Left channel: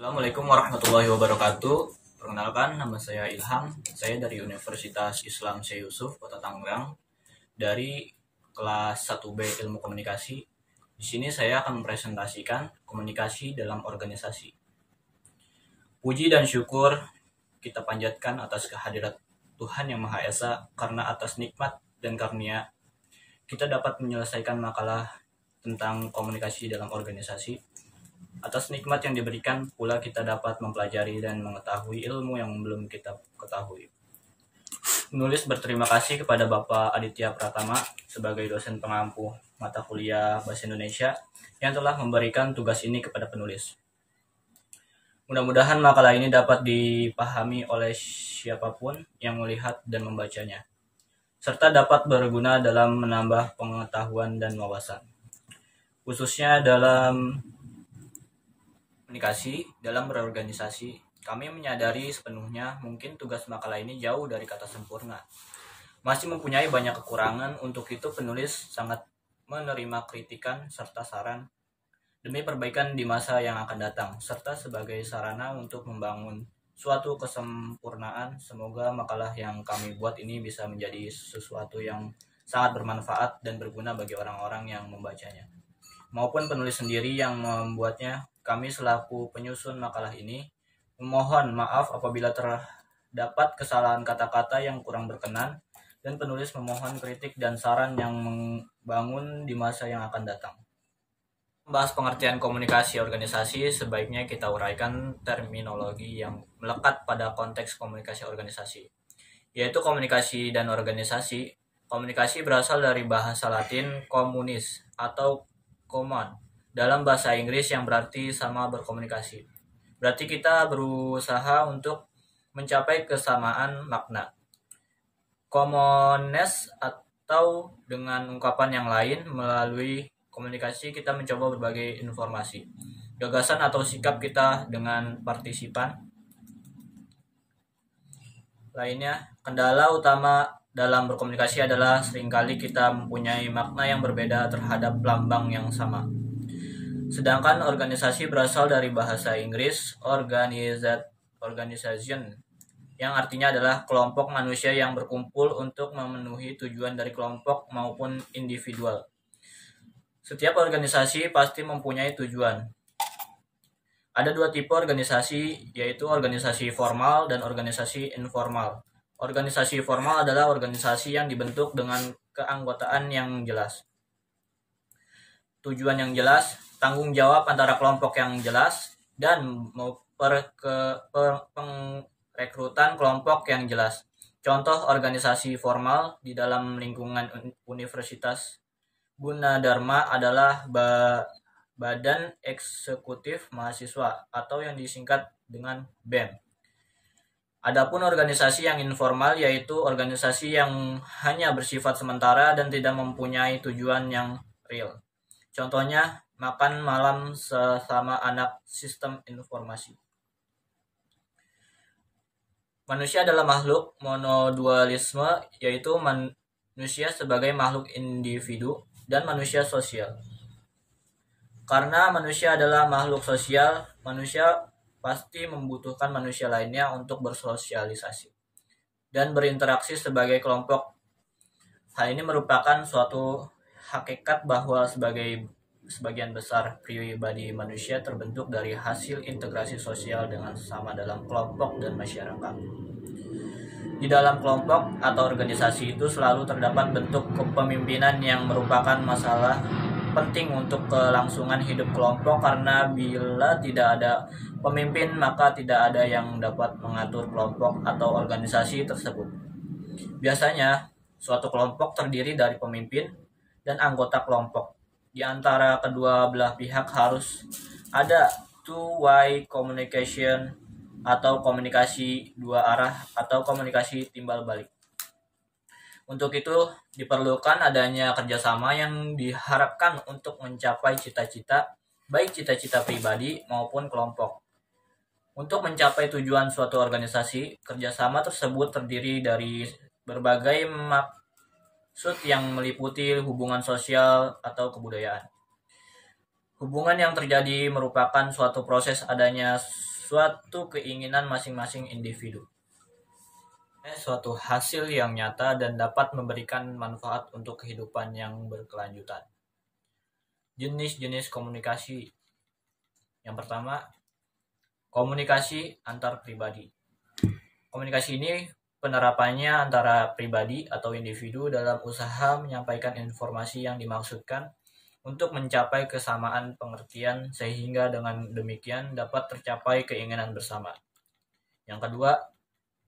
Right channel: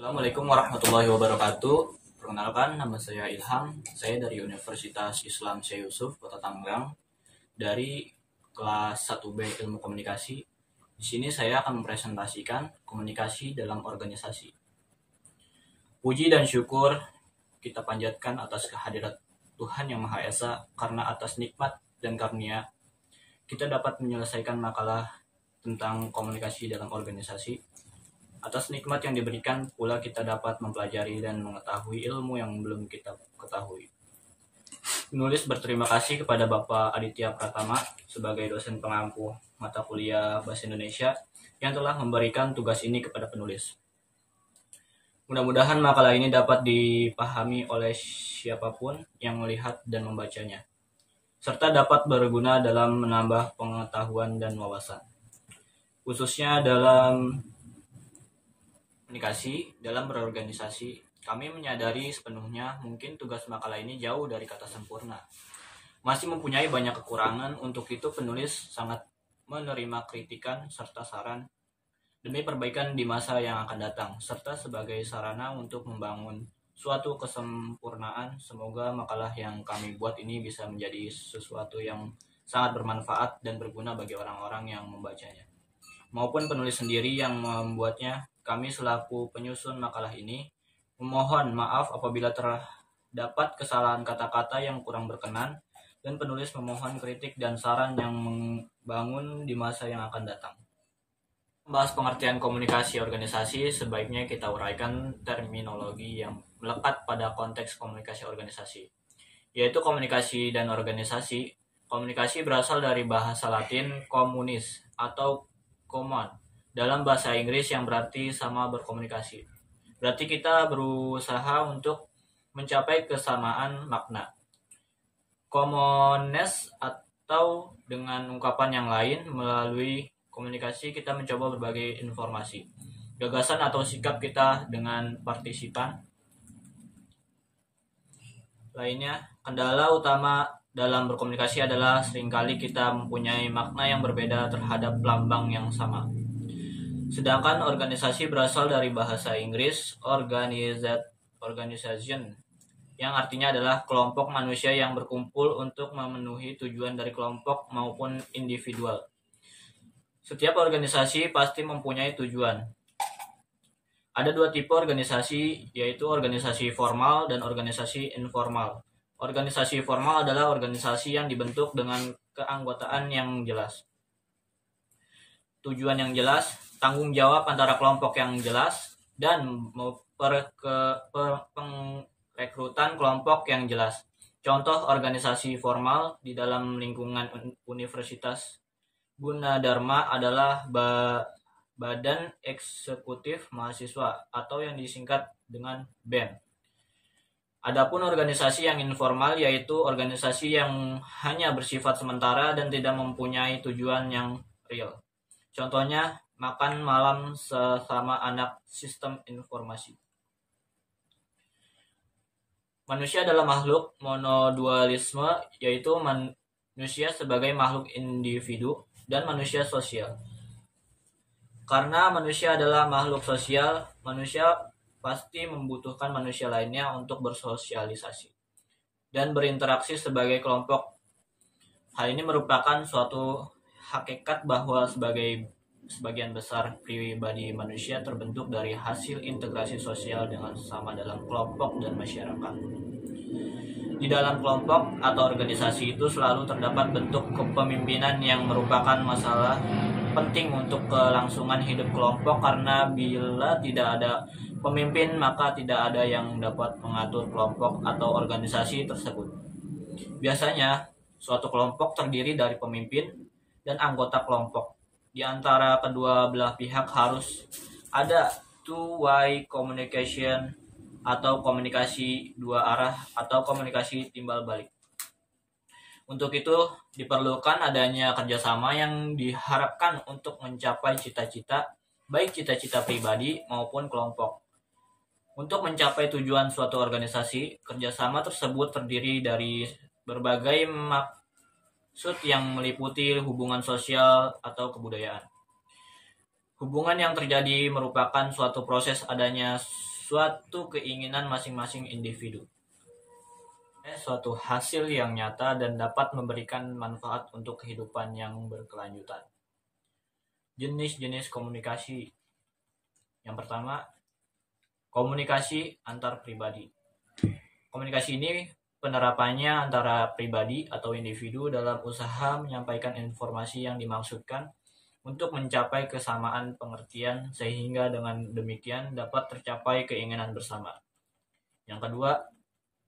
Assalamualaikum warahmatullahi wabarakatuh. Perkenalkan, nama saya Ilham. Saya dari Universitas Islam Syekh Yusuf, Kota Tangerang, dari kelas 1B Ilmu Komunikasi. Di sini saya akan mempresentasikan komunikasi dalam organisasi. Puji dan syukur kita panjatkan atas kehadirat Tuhan Yang Maha Esa, karena atas nikmat dan karunia kita dapat menyelesaikan makalah tentang komunikasi dalam organisasi. Atas nikmat yang diberikan pula kita dapat mempelajari dan mengetahui ilmu yang belum kita ketahui. Penulis berterima kasih kepada Bapak Aditya Pratama sebagai dosen pengampu mata kuliah Bahasa Indonesia yang telah memberikan tugas ini kepada penulis. Mudah-mudahan makalah ini dapat dipahami oleh siapapun yang melihat dan membacanya, serta dapat berguna dalam menambah pengetahuan dan wawasan, khususnya dalam komunikasi dalam berorganisasi. Kami menyadari sepenuhnya mungkin tugas makalah ini jauh dari kata sempurna, masih mempunyai banyak kekurangan. Untuk itu penulis sangat menerima kritikan serta saran demi perbaikan di masa yang akan datang, serta sebagai sarana untuk membangun suatu kesempurnaan. Semoga makalah yang kami buat ini bisa menjadi sesuatu yang sangat bermanfaat dan berguna bagi orang-orang yang membacanya, maupun penulis sendiri yang membuatnya. Kami selaku penyusun makalah ini memohon maaf apabila terdapat kesalahan kata-kata yang kurang berkenan, dan penulis memohon kritik dan saran yang membangun di masa yang akan datang. Membahas pengertian komunikasi organisasi, sebaiknya kita uraikan terminologi yang melekat pada konteks komunikasi organisasi, yaitu komunikasi dan organisasi. Komunikasi berasal dari bahasa Latin communis atau common dalam bahasa Inggris, yang berarti sama berkomunikasi. Berarti kita berusaha untuk mencapai kesamaan makna. Commonness, atau dengan ungkapan yang lain, melalui komunikasi kita mencoba berbagai informasi, gagasan atau sikap kita dengan partisipan lainnya. Kendala utama dalam berkomunikasi adalah seringkali kita mempunyai makna yang berbeda terhadap lambang yang sama. Sedangkan organisasi berasal dari bahasa Inggris organization, yang artinya adalah kelompok manusia yang berkumpul untuk memenuhi tujuan dari kelompok maupun individual. Setiap organisasi pasti mempunyai tujuan. Ada dua tipe organisasi, yaitu organisasi formal dan organisasi informal. Organisasi formal adalah organisasi yang dibentuk dengan keanggotaan yang jelas, tujuan yang jelas, tanggung jawab antara kelompok yang jelas, dan pengrekrutan kelompok yang jelas. Contoh organisasi formal di dalam lingkungan Universitas Gunadarma adalah Badan Eksekutif Mahasiswa, atau yang disingkat dengan BEM. Adapun organisasi yang informal, yaitu organisasi yang hanya bersifat sementara dan tidak mempunyai tujuan yang real. Contohnya makan malam sesama anak sistem informasi. Manusia adalah makhluk monodualisme, yaitu manusia sebagai makhluk individu dan manusia sosial. Karena manusia adalah makhluk sosial, manusia pasti membutuhkan manusia lainnya untuk bersosialisasi dan berinteraksi sebagai kelompok. Hal ini merupakan suatu hakikat bahwa sebagian besar pribadi manusia terbentuk dari hasil integrasi sosial dengan sesama dalam kelompok dan masyarakat. Di dalam kelompok atau organisasi itu selalu terdapat bentuk kepemimpinan yang merupakan masalah penting untuk kelangsungan hidup kelompok, karena bila tidak ada pemimpin maka tidak ada yang dapat mengatur kelompok atau organisasi tersebut. Biasanya suatu kelompok terdiri dari pemimpin dan anggota kelompok. Di antara kedua belah pihak harus ada two-way communication, atau komunikasi dua arah, atau komunikasi timbal balik. Untuk itu diperlukan adanya kerjasama yang diharapkan untuk mencapai cita-cita, baik cita-cita pribadi maupun kelompok. Untuk mencapai tujuan suatu organisasi, kerjasama tersebut terdiri dari berbagai maksud yang meliputi hubungan sosial atau kebudayaan. Hubungan yang terjadi merupakan suatu proses adanya suatu keinginan masing-masing individu. Suatu hasil yang nyata dan dapat memberikan manfaat untuk kehidupan yang berkelanjutan. Jenis-jenis komunikasi. Yang pertama, komunikasi antar pribadi. Komunikasi ini penerapannya antara pribadi atau individu dalam usaha menyampaikan informasi yang dimaksudkan untuk mencapai kesamaan pengertian sehingga dengan demikian dapat tercapai keinginan bersama. Yang kedua,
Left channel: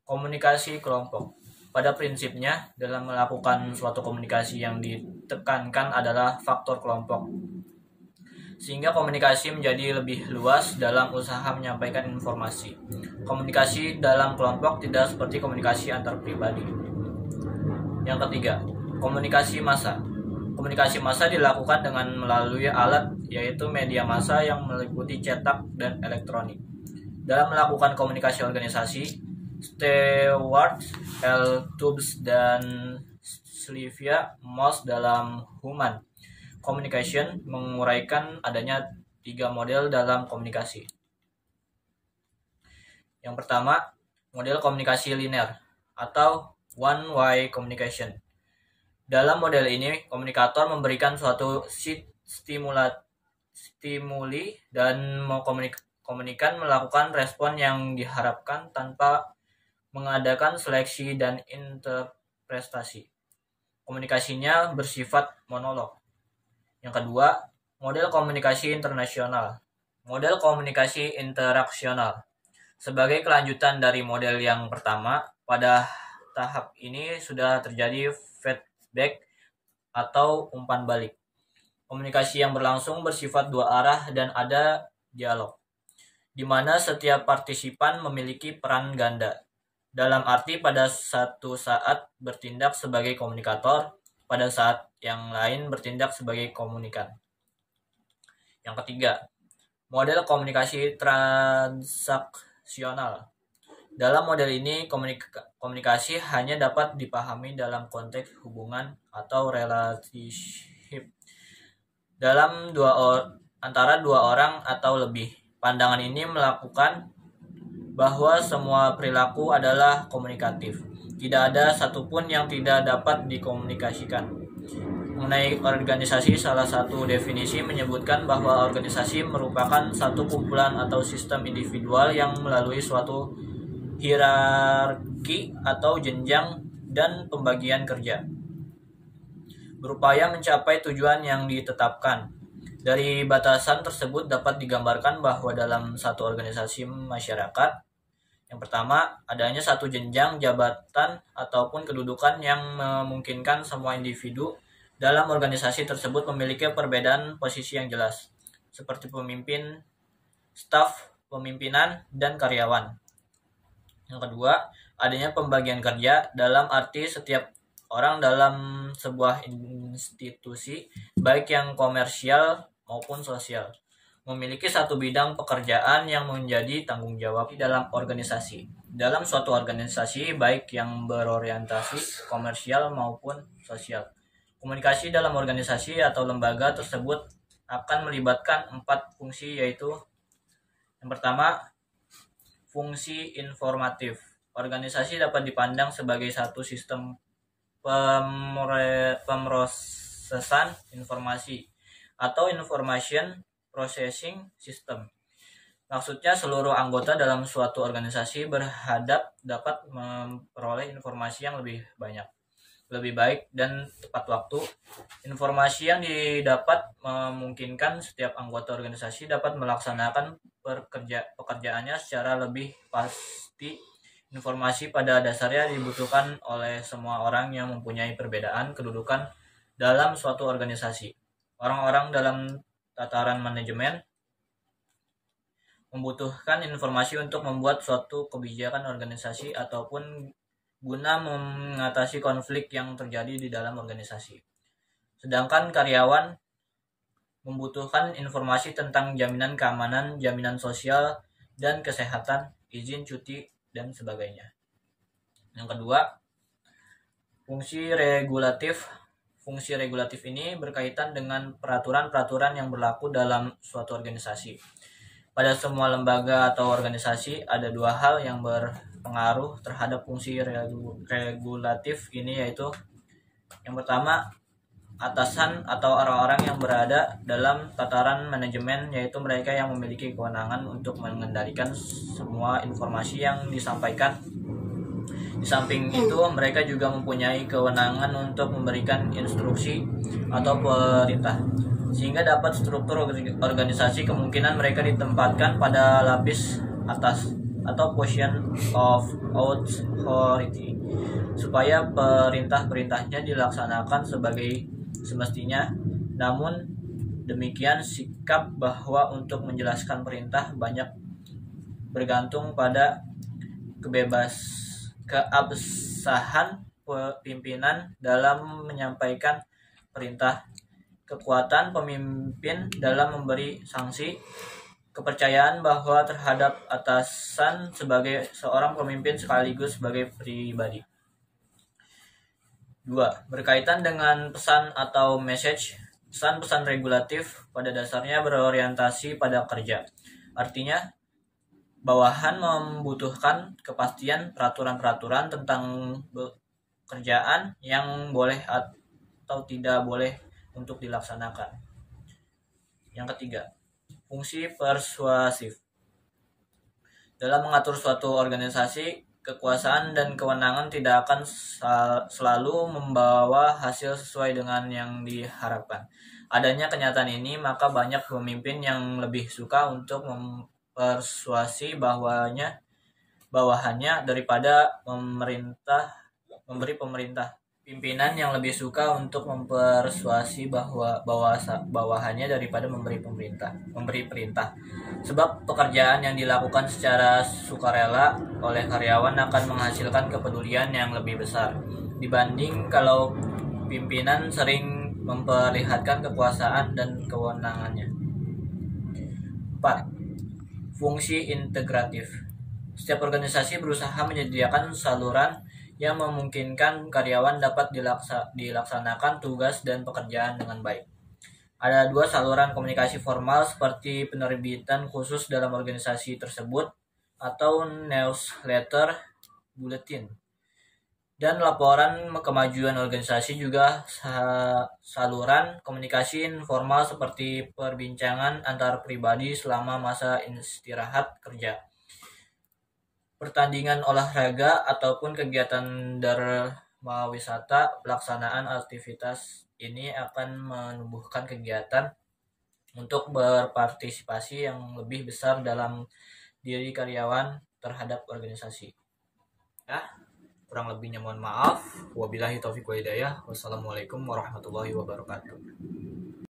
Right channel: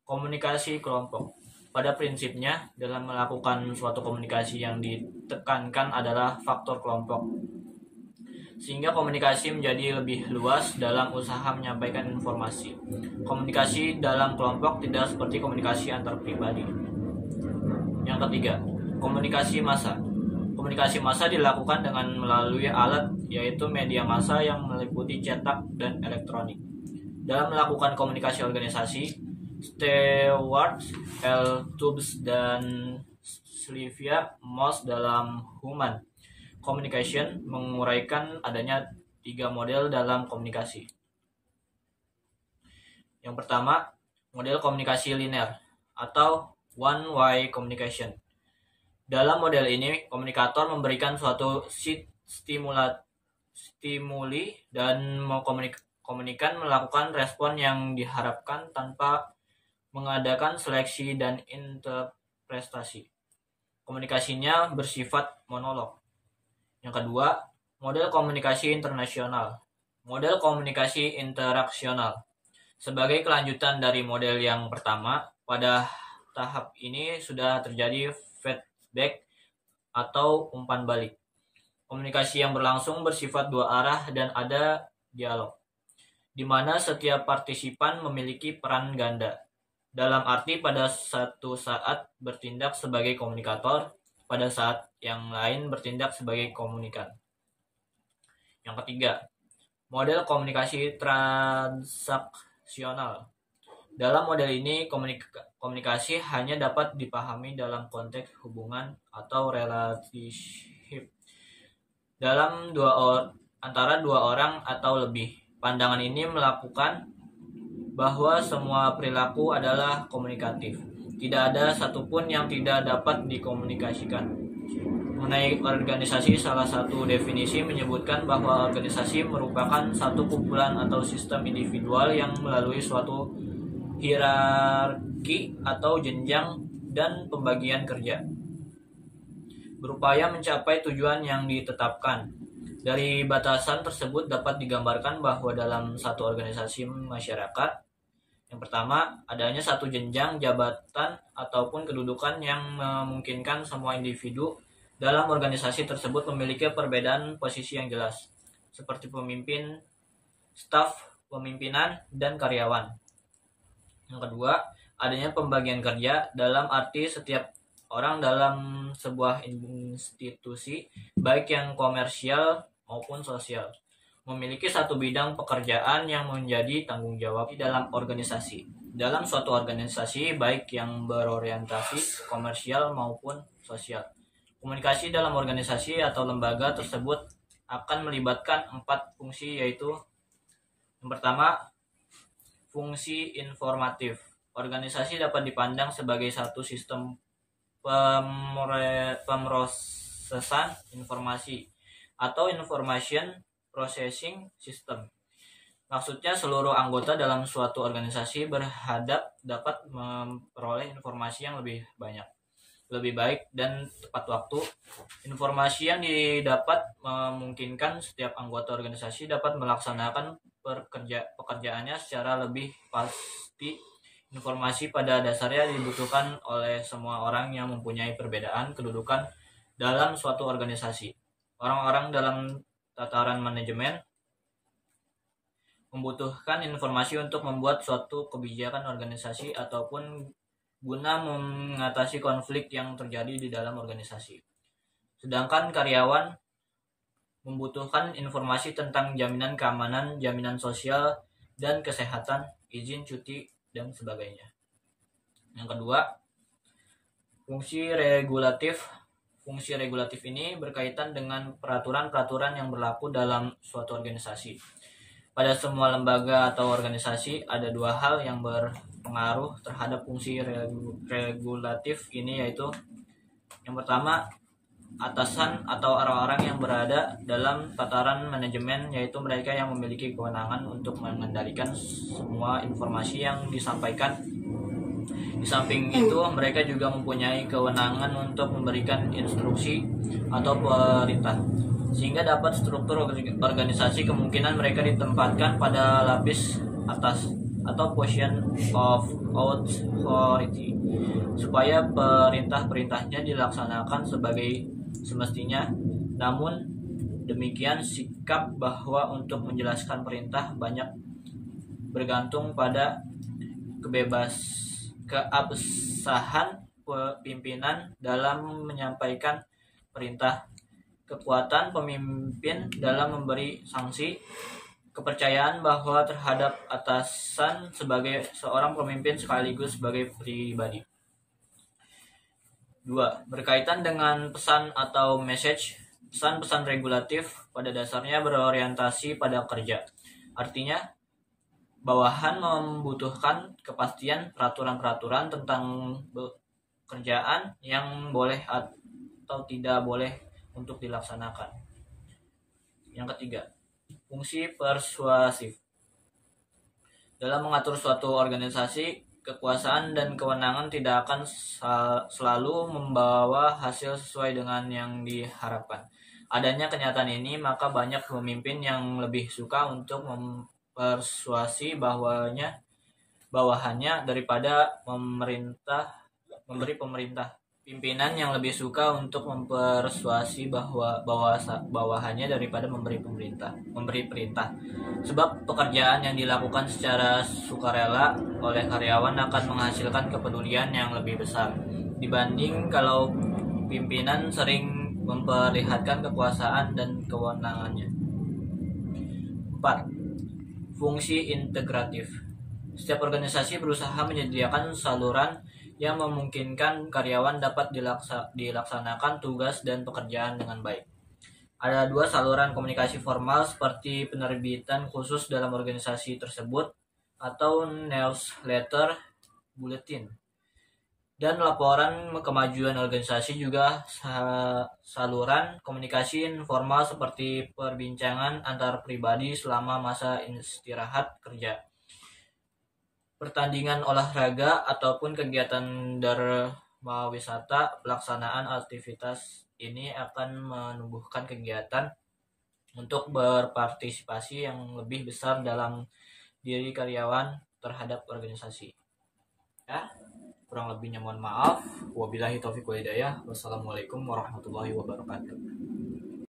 komunikasi kelompok. Pada prinsipnya, dalam melakukan suatu komunikasi yang ditekankan adalah faktor kelompok, sehingga komunikasi menjadi lebih luas dalam usaha menyampaikan informasi. Komunikasi dalam kelompok tidak seperti komunikasi antar pribadi. Yang ketiga, komunikasi massa. Komunikasi massa dilakukan dengan melalui alat, yaitu media massa yang meliputi cetak dan elektronik. Dalam melakukan komunikasi organisasi, Stewart, L. Tubbs, dan Sylvia Moss dalam Human Communication menguraikan adanya 3 model dalam komunikasi. Yang pertama, model komunikasi linear atau one-way communication. Dalam model ini, komunikator memberikan suatu stimuli dan komunikan melakukan respon yang diharapkan tanpa mengadakan seleksi dan interpretasi. Komunikasinya bersifat monolog. Yang kedua, model komunikasi internasional. Model komunikasi interaksional. Sebagai kelanjutan dari model yang pertama, pada tahap ini sudah terjadi feedback atau umpan balik. Komunikasi yang berlangsung bersifat 2 arah dan ada dialog, di mana setiap partisipan memiliki peran ganda. Dalam arti pada satu saat bertindak sebagai komunikator, pada saat yang lain bertindak sebagai komunikan. Yang ketiga, model komunikasi transaksional. Dalam model ini, komunikasi hanya dapat dipahami dalam konteks hubungan atau relationship dalam antara 2 orang atau lebih. Pandangan ini melakukan bahwa semua perilaku adalah komunikatif. Tidak ada satupun yang tidak dapat dikomunikasikan. Mengenai organisasi, salah satu definisi menyebutkan bahwa organisasi merupakan satu kumpulan atau sistem individual yang melalui suatu hierarki atau jenjang dan pembagian kerja, berupaya mencapai tujuan yang ditetapkan. Dari batasan tersebut dapat digambarkan bahwa dalam satu organisasi masyarakat, yang pertama, adanya satu jenjang jabatan ataupun kedudukan yang memungkinkan semua individu dalam organisasi tersebut memiliki perbedaan posisi yang jelas, seperti pemimpin, staf, pemimpinan, dan karyawan. Yang kedua, adanya pembagian kerja dalam arti setiap orang dalam sebuah institusi, baik yang komersial maupun sosial, memiliki satu bidang pekerjaan yang menjadi tanggung jawab dalam organisasi. Dalam suatu organisasi, baik yang berorientasi komersial maupun sosial, komunikasi dalam organisasi atau lembaga tersebut akan melibatkan 4 fungsi, yaitu yang pertama, fungsi informatif. Organisasi dapat dipandang sebagai satu sistem pemrosesan informasi atau information processing system. Maksudnya seluruh anggota dalam suatu organisasi berhadap dapat memperoleh informasi yang lebih banyak, lebih baik, dan tepat waktu. Informasi yang didapat memungkinkan setiap anggota organisasi dapat melaksanakan pekerjaannya secara lebih pasti. Informasi pada dasarnya dibutuhkan oleh semua orang yang mempunyai perbedaan kedudukan dalam suatu organisasi. Orang-orang dalam tataran manajemen membutuhkan informasi untuk membuat suatu kebijakan organisasi ataupun guna mengatasi konflik yang terjadi di dalam organisasi. Sedangkan karyawan membutuhkan informasi tentang jaminan keamanan, jaminan sosial dan kesehatan, izin cuti, dan sebagainya. Yang kedua, fungsi regulatif. Fungsi regulatif ini berkaitan dengan peraturan-peraturan yang berlaku dalam suatu organisasi. Pada semua lembaga atau organisasi ada dua hal yang berpengaruh terhadap fungsi regulatif ini, yaitu yang pertama, atasan atau orang-orang yang berada dalam tataran manajemen, yaitu mereka yang memiliki kewenangan untuk mengendalikan semua informasi yang disampaikan. Di samping itu, mereka juga mempunyai kewenangan untuk memberikan instruksi atau perintah, sehingga dapat struktur organisasi kemungkinan mereka ditempatkan pada lapis atas atau position of authority, supaya perintah-perintahnya dilaksanakan sebagai semestinya. Namun demikian, sikap bahwa untuk menjelaskan perintah banyak bergantung pada keabsahan pimpinan dalam menyampaikan perintah, kekuatan pemimpin dalam memberi sanksi, kepercayaan bahwa terhadap atasan sebagai seorang pemimpin sekaligus sebagai pribadi. 2. Berkaitan dengan pesan atau message. Pesan-pesan regulatif pada dasarnya berorientasi pada kerja. Artinya, bawahan membutuhkan kepastian peraturan-peraturan tentang pekerjaan yang boleh atau tidak boleh untuk dilaksanakan. Yang ketiga, fungsi persuasif. Dalam mengatur suatu organisasi, kekuasaan dan kewenangan tidak akan selalu membawa hasil sesuai dengan yang diharapkan. Adanya kenyataan ini, maka banyak pemimpin yang lebih suka untuk mempersuasi bawahannya daripada memberi pemerintah. Pimpinan yang lebih suka untuk mempersuasi bawahannya daripada memberi perintah. Sebab pekerjaan yang dilakukan secara sukarela oleh karyawan akan menghasilkan kepedulian yang lebih besar dibanding kalau pimpinan sering memperlihatkan kekuasaan dan kewenangannya. 4. Fungsi integratif. Setiap organisasi berusaha menyediakan saluran yang memungkinkan karyawan dapat dilaksanakan tugas dan pekerjaan dengan baik. Ada dua saluran komunikasi formal seperti penerbitan khusus dalam organisasi tersebut atau newsletter, bulletin, dan laporan kemajuan organisasi, juga saluran komunikasi informal seperti perbincangan antar pribadi selama masa istirahat kerja, pertandingan olahraga, ataupun kegiatan dharma wisata. Pelaksanaan aktivitas ini akan menumbuhkan kegiatan untuk berpartisipasi yang lebih besar dalam diri karyawan terhadap organisasi. Kurang lebihnya mohon maaf. Wabillahi taufiq wal hidayah. Wassalamualaikum warahmatullahi wabarakatuh.